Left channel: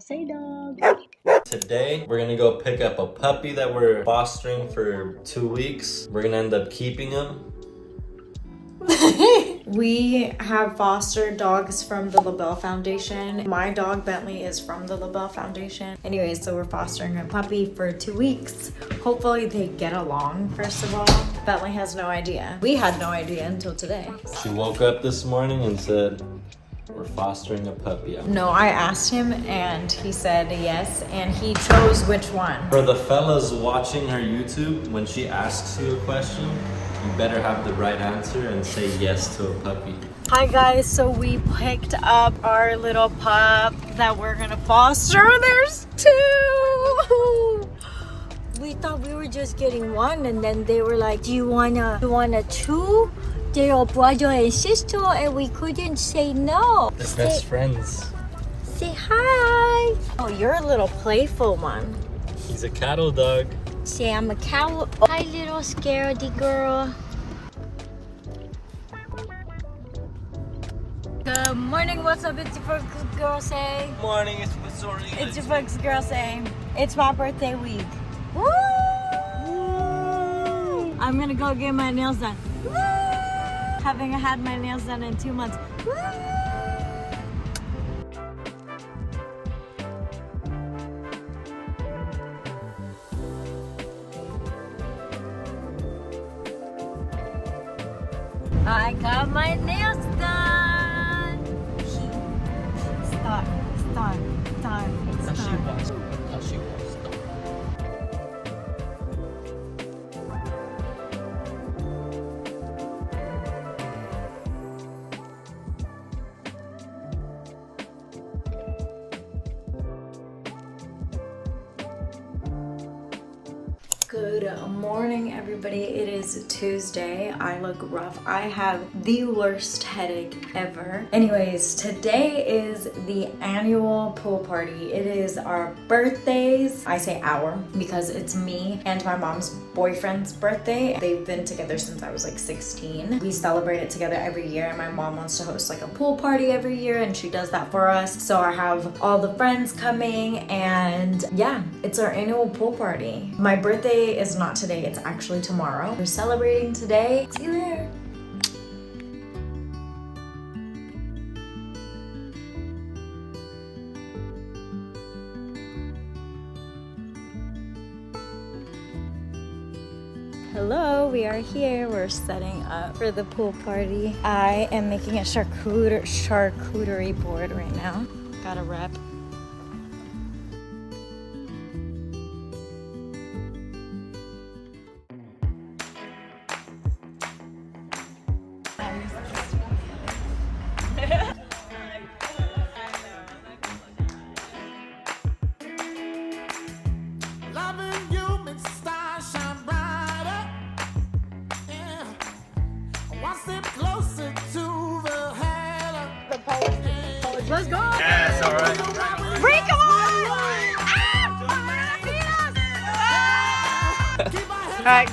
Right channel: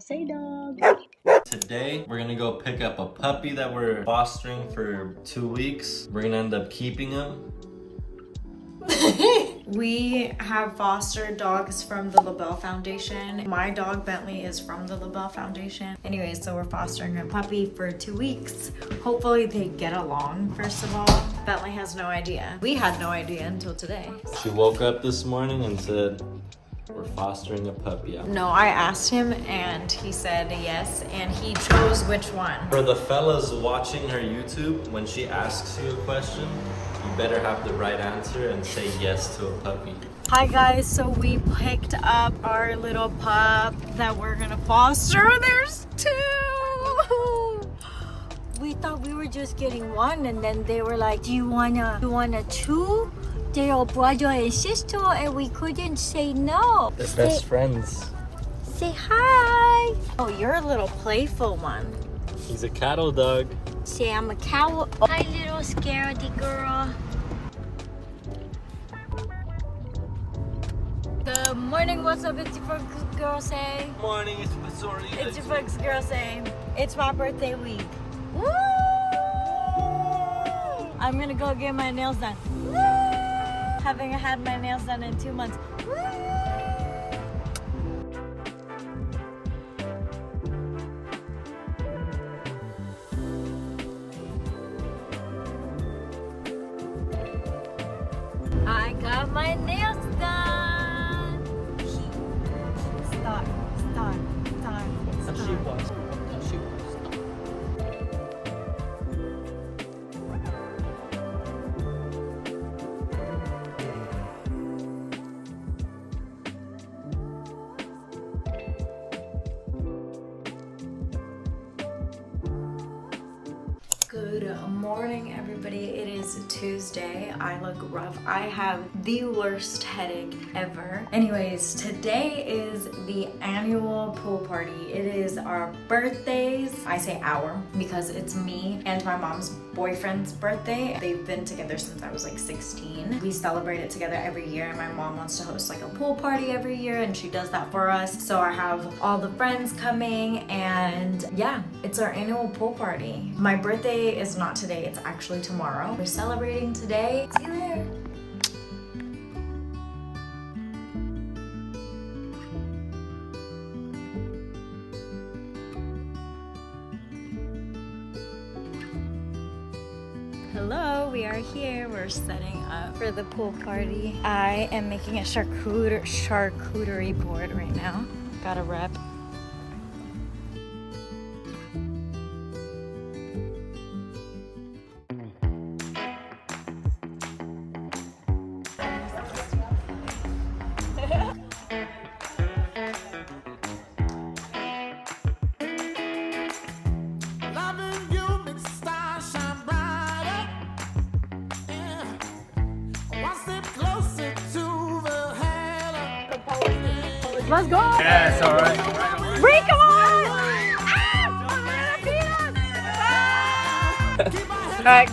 girl say dog. Today, we're gonna go pick up a puppy that we're fostering for 2 weeks. We're gonna end up keeping him. We have fostered dogs from the LaBelle Foundation. My dog Bentley is from the LaBelle Foundation. Anyways, so we're fostering a puppy for 2 weeks. Hopefully they get along, first of all. Bentley has no idea. We had no idea until today. She woke up this morning and said, we're fostering a puppy. No, I asked him and he said yes, and he chose which one. For the fellas watching her YouTube, when she asks you a question, you better have the right answer and say yes to a puppy. Hi guys, so we picked up our little pup that we're gonna foster. There's 2! We thought we were just getting one, and then they were like, do you wanna 2? They're all brother and sister, and we couldn't say no. They're best friends. Say hi. Oh, you're a little playful one. She's a cattle dog. Say I'm a cow. Hi, little scaredy girl. Good morning. What's up? It's your folks girl say. Morning, it's Missouri. It's your folks girl say. It's my birthday week. Woo! I'm gonna go get my nails done. Woo! Having had my nails done in 2 months. Woo! I got my nails done. Start. Good morning, everybody. It is Tuesday. I look rough. I have the worst headache ever. Anyways, today is the annual pool party. It is our birthdays. I say our because it's me and my mom's boyfriend's birthday. They've been together since I was like 16. We celebrate it together every year, and my mom wants to host like a pool party every year, and she does that for us. So I have all the friends coming, and yeah, it's our annual pool party. My birthday is not today, it's actually tomorrow. We're celebrating today. See you there. Hello, we are here. We're setting up for the pool party. I am making a charcuterie board right now. Got a rep. Let's go! Yeah, it's alright. Bring, come on! Alright.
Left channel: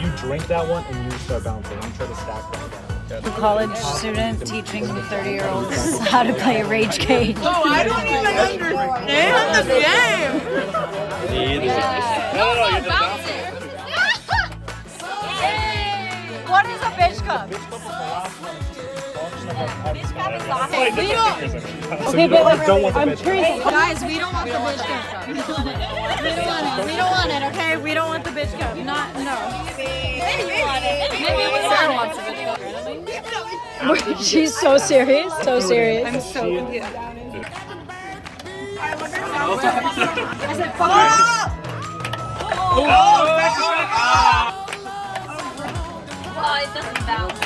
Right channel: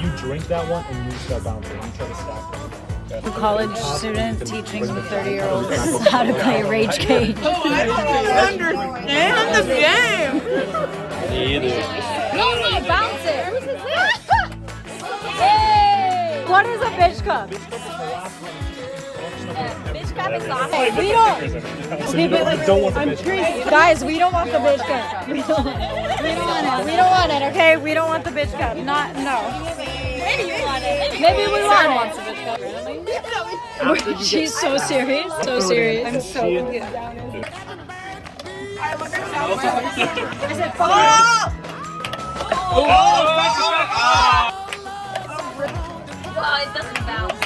You drink that one and you start bouncing. You try to stack that down. A college student teaching 30-year-olds how to play a rage cage. Oh, I don't even understand the game. Me either. Bounce it. What is a bitch cup? Bitch cup is not We don't. Okay, but you don't want the bitch. Guys, we don't want the bitch cup. We don't want it. Okay, we don't want the bitch cup. No. Maybe you want it. Maybe we want the bitch cup. She's so serious. So serious. I'm so confused. Well, it doesn't bounce.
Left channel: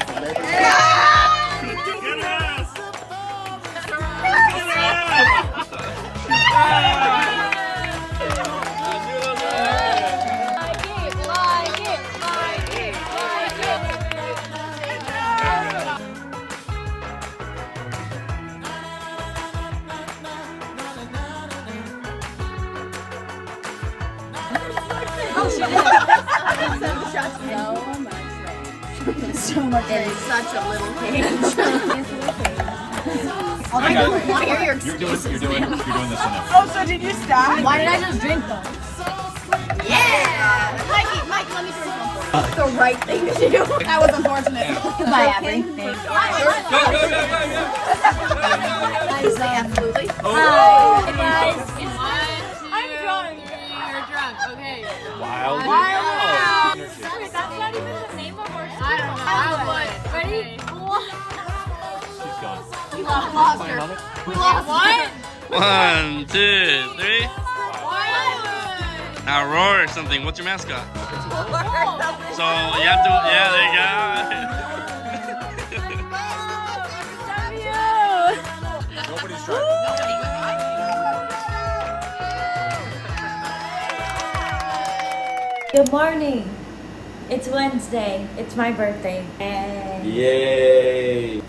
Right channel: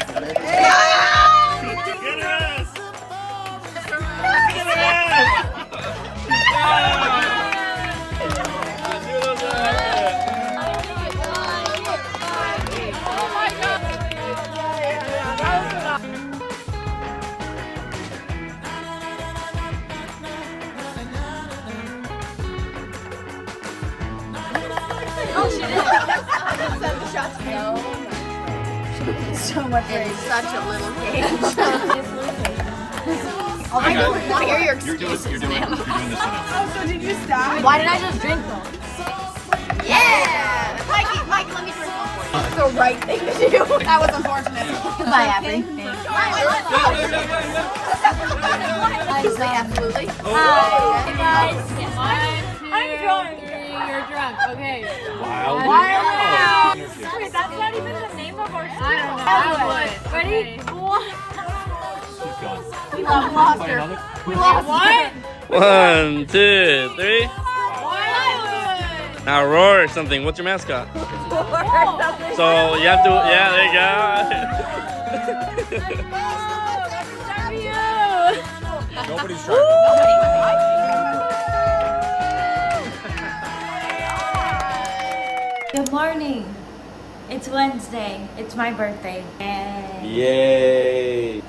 so much. In such a little cage. I got it. You're doing this one now. Oh, so did you stop? Why did I just drink them? Yeah! Mike, let me drink one for you. That's the right thing to do. That was unfortunate. Goodbye, Abby. Absolutely. Hi, guys. I'm drunk. You're drunk. Okay. Wow. Wait, that's not even the name of our show. I don't know. Ready? Keep going. We lost her. We lost What? 1, 2, 3. Now roar or something. What's your mascot? So you have to, yeah, there you go. Nobody's trying. Good morning. It's Wednesday. It's my birthday. And Yay!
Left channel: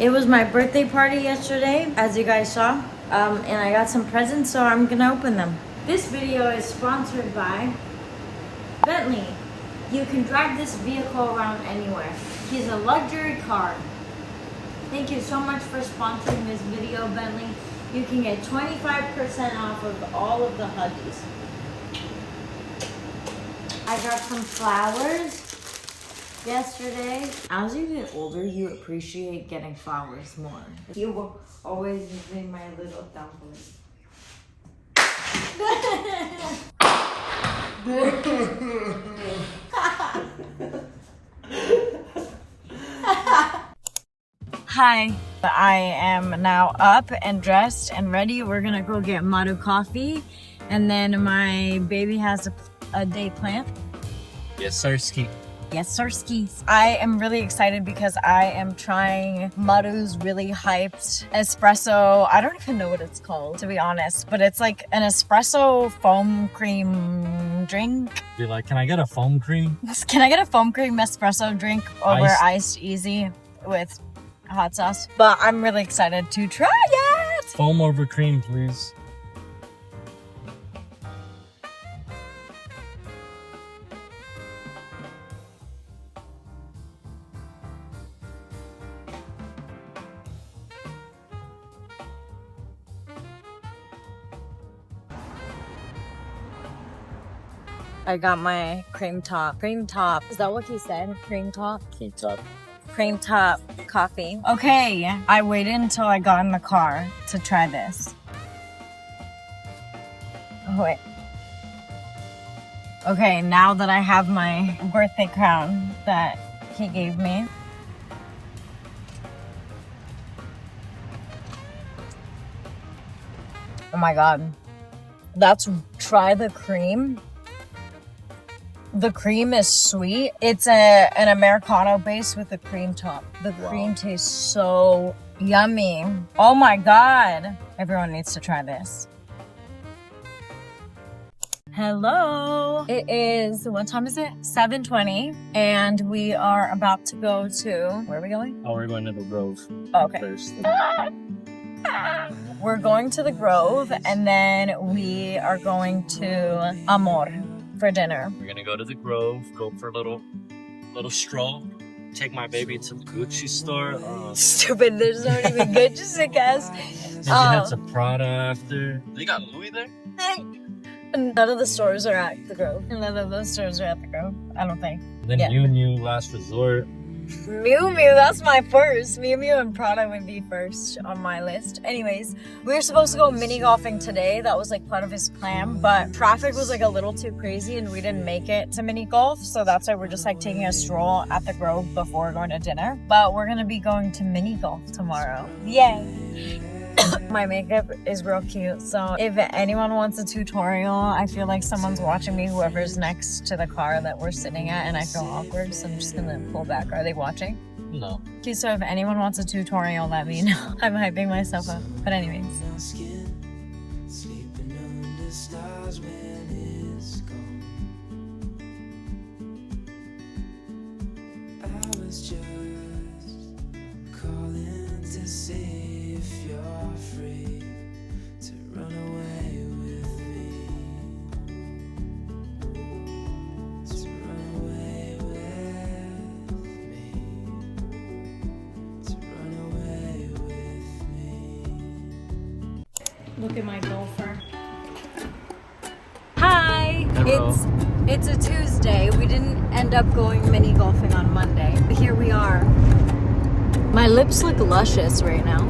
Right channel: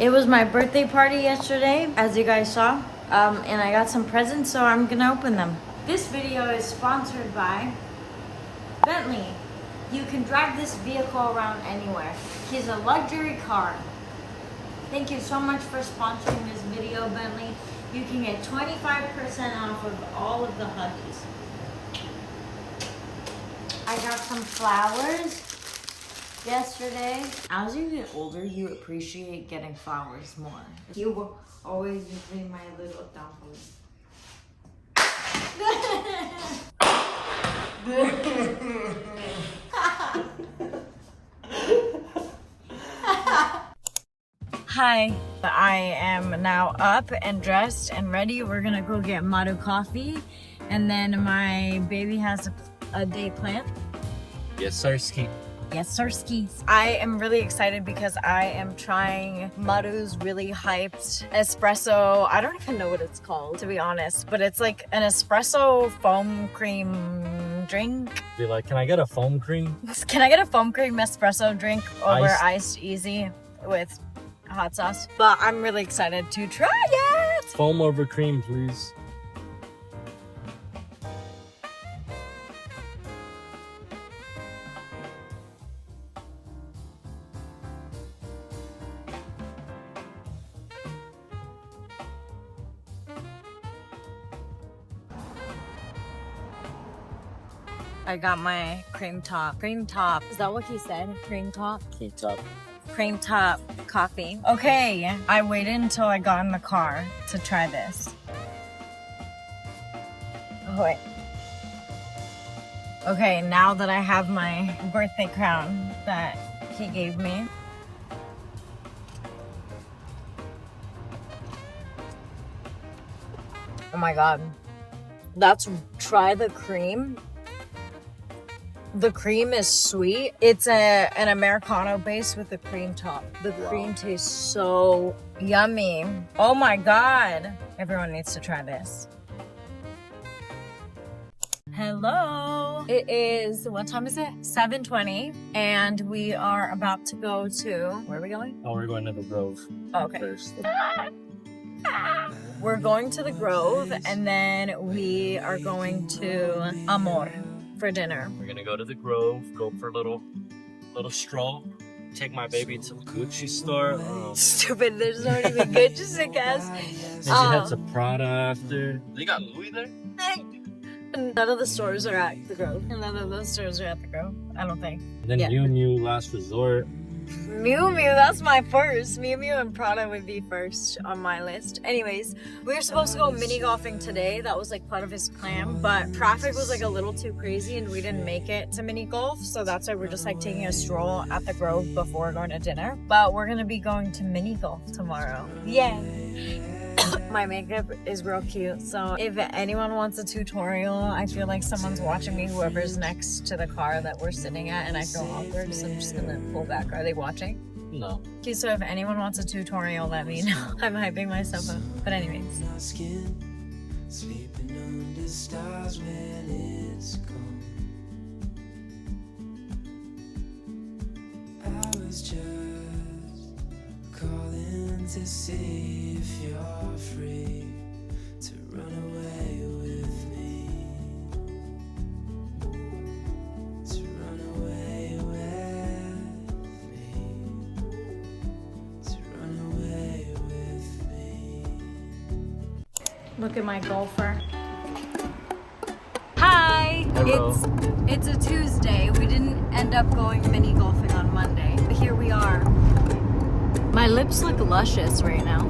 it was my birthday party yesterday, as you guys saw. And I got some presents, so I'm gonna open them. This video is sponsored by Bentley. You can drive this vehicle around anywhere. He's a luxury car. Thank you so much for sponsoring this video, Bentley. You can get 25% off of all of the Huggies. I got some flowers yesterday. As you get older, you appreciate getting flowers more. You will always be my little dumpling. Hi, I am now up and dressed and ready. We're gonna go get Maru coffee, and then my baby has a day planned. Yes, sir, ski. Yes, sir, skis. I am really excited because I am trying Maru's really hyped espresso. I don't even know what it's called, to be honest, but it's like an espresso foam cream drink. Be like, can I get a foam cream? Can I get a foam cream espresso drink over Iced. iced easy with hot sauce? But I'm really excited to try it. Foam over cream, please. I got my cream top. Cream top. Is that what he said? Cream top? Keep up. Cream top coffee. Okay, I waited until I got in the car to try this. Oh, wait. Okay, now that I have my birthday crown that he gave me. Oh my god. Try the cream. The cream is sweet. It's an Americano base with a cream top. The cream tastes so yummy. Oh my god. Everyone needs to try this. Hello. It is, what time is it? 7:20. And we are about to go to, where are we going? Oh, we're going to the Grove. Okay. First. We're going to the Grove, and then we are going to Amor for dinner. We're gonna go to the Grove, go for a little stroll, take my baby to the Gucci store. Stupid, there's not even good, just a guess. And she has a Prada after. They got Louis there? None of the stores are at the Grove. None of those stores are at the Grove, I don't think. Then Yeah. Miu Miu Last Resort. Miu Miu, that's my first. Miu Miu and Prada would be first on my list. Anyways, we were supposed to go mini golfing today. That was like part of his plan, but traffic was like a little too crazy and we didn't make it to mini golf. So that's why we're just like taking a stroll at the Grove before going to dinner. But we're gonna be going to mini golf tomorrow. Yay! My makeup is real cute, so if anyone wants a tutorial, I feel like someone's watching me, whoever's next to the car that we're sitting at, and I feel awkward, so I'm just gonna pull back. Are they watching? No. Okay, so if anyone wants a tutorial, let me know. I'm hyping myself up. But anyways. Sleeping under stars when it's gone. I was just calling to see if you're free to run away with me. To run away at my golfer. Hi! Hello. It's a Tuesday. We didn't end up going mini golfing on Monday. But here we are. My lips look luscious right now.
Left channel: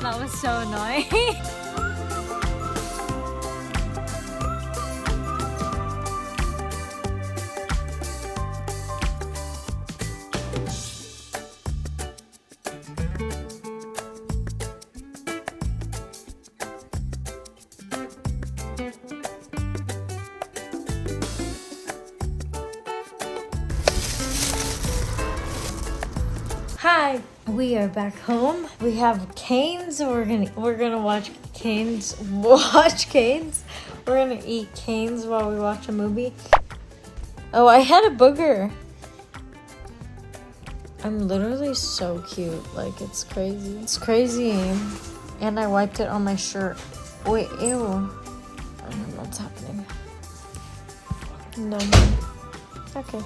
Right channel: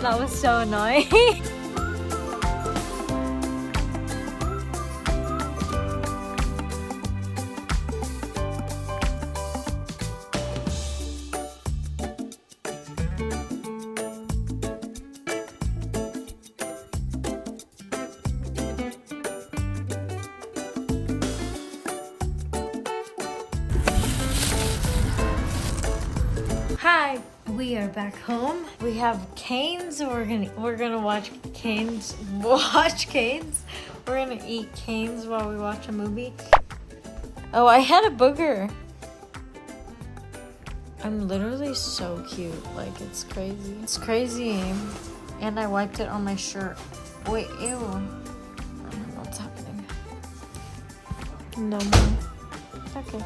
That was so annoying. Hi, we are back home. We have canes. We're gonna watch canes. Watch canes. We're gonna eat canes while we watch a movie. Oh, I had a booger. I'm literally so cute. Like, it's crazy. It's crazy. And I wiped it on my shirt. Wait, ew. I don't know what's happening. No more. Okay.